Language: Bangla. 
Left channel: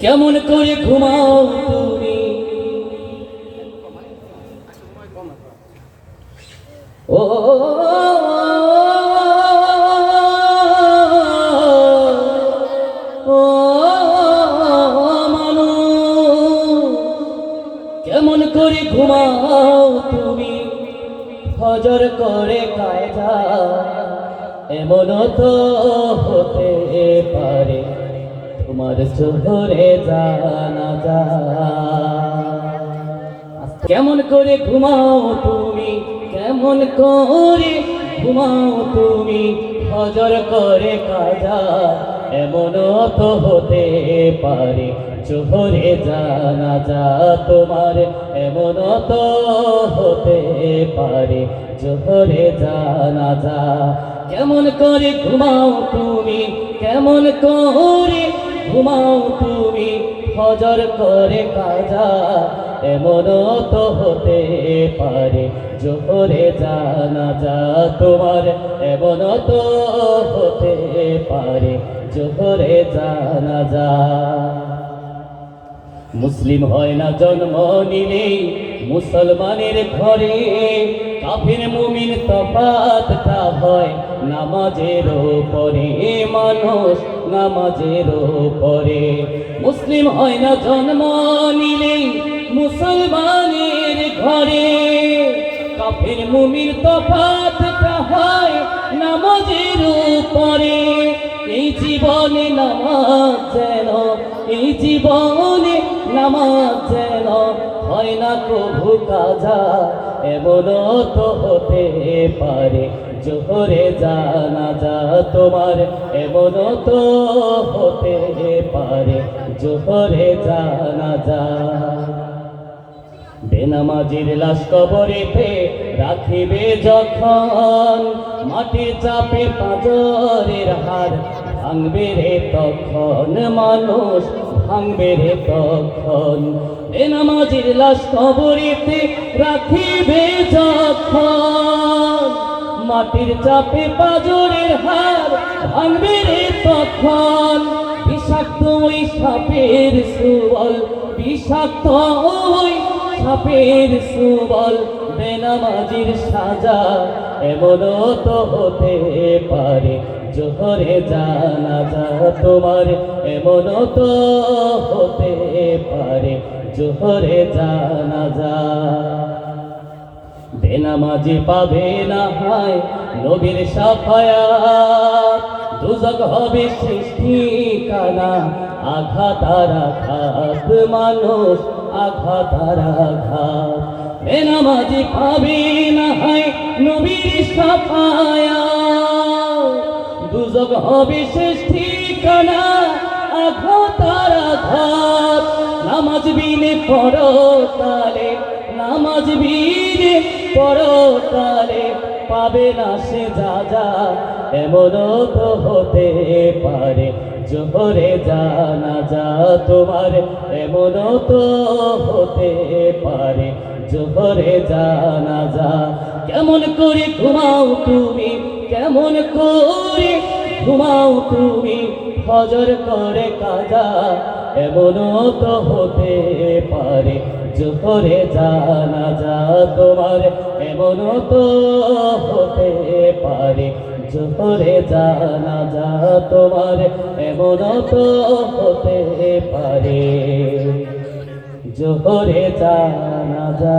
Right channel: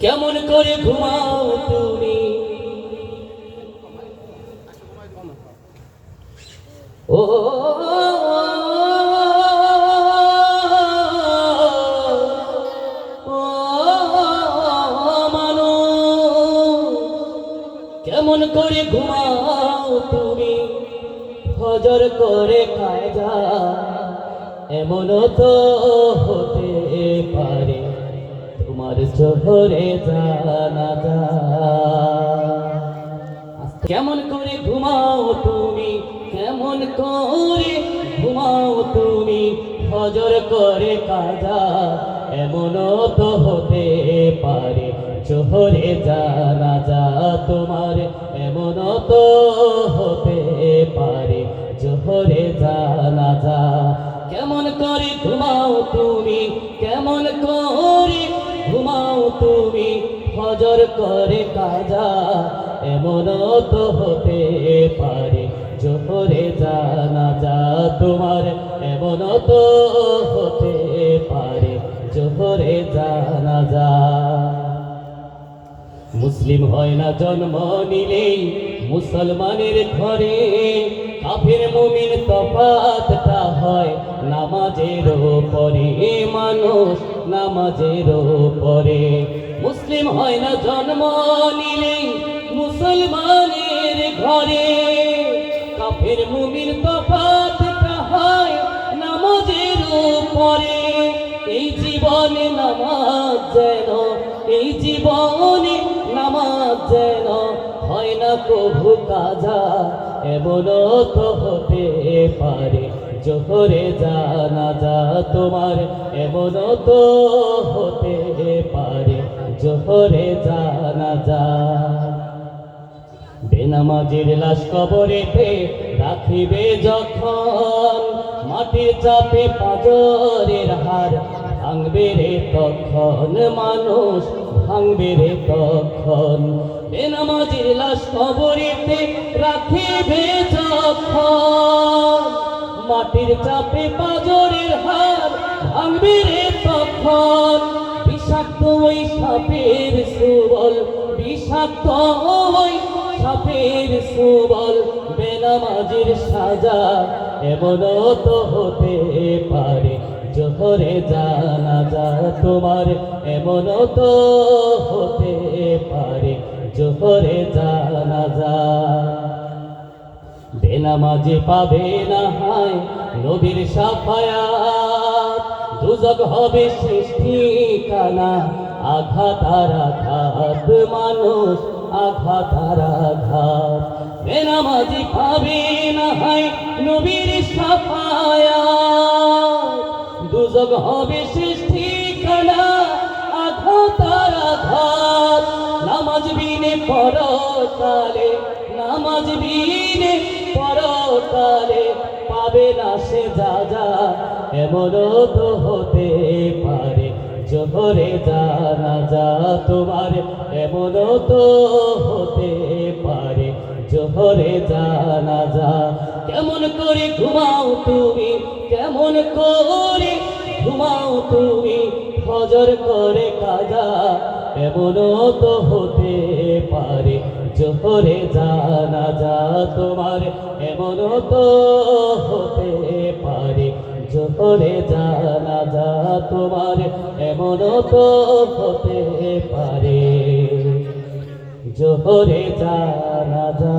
কেমন করে ঘুমাও তুমি ও কেমন করে ঘুমাও তুমি করে এমন তো হতে পারে তোমার চোহরে জানা যা কেমন করে ঘুমাও তুমি, কেমন করে ঘুমাও তুমি হজর করে কাজা এমন তো হতে পারে। চোহরে জানা যা তোমার এমন তো হতে পারে। জোহরে জানা যা কেমন করে ঘুমাও তুমি, কেমন করে ঘুমাও তুমি হজর করে কাজা এমন তো হতে পারে। জোরে জানা যা তোমার এমন তো হতে পারে। জোরে জানা যা মুসলিম হয় না জন্ম নিলেই মুসলমানের ঘরে কাফির মুমিন তফাতটা হয়। নামাজের পরে মানুষ নামাজের পরে মুসলিম হয় না জন্ম নিলেই মুসলমানের ঘরে কাফির মুমিন তফাতটা কভু কাজা এমন তো হতে পারে। জোহরে জানা যা তোমার, এমন তো হতে পারে। জোহরে জানা যা। বেনামাজির লাশ কবরেতে রাখিবে যখন, মাটির চাপে পাজরের হার ভাঙবে রে তখন মানুষ, ভাঙবে রে তখন। বেনামাজির লাশ কবরেতে রাখিবে যখন। মাটির চাপে পাজরের হার ভাঙবে রে তখন। বিষাক্ত ওই সাপের সুবল, বিষাক্ত ওই সাপের সুবল, বেনামাজির সাজা এমন তো হতে পারে। জোহরে জানা যা তোমার, এমন তো হতে পারে। জোহরে জানা যা। বেনামাজি পাবে না হয় নবীর সাফায়া দুজক হবে সৃষ্টি কানা আঘাত আঘাত, মানুষ আঘাত আঘাত। বেনামাজি পাবে না হয় নবীর সাফায়াত দুজক হবে সৃষ্টি কানা আঘাত আর আঘাত নামাজ বিনে পরকালে নামাজ বিনে পরকালে পাবে না সে যা যা, এমন তো হতে পারে। জোহরে জানা যা তোমার, এমন তো হতে পারে। জোহরে জানা যা, কেমন করে ঘুমাও তুমি, কেমন করে ঘুমাও তুমি হজর করে কাজা এমন তো হতে পারে। জোহরে জানা যা তোমার এমন তো হতে পারে। জোহরে জানা যা তোমার এমন তো হতে পারে। জোহরে জানা যা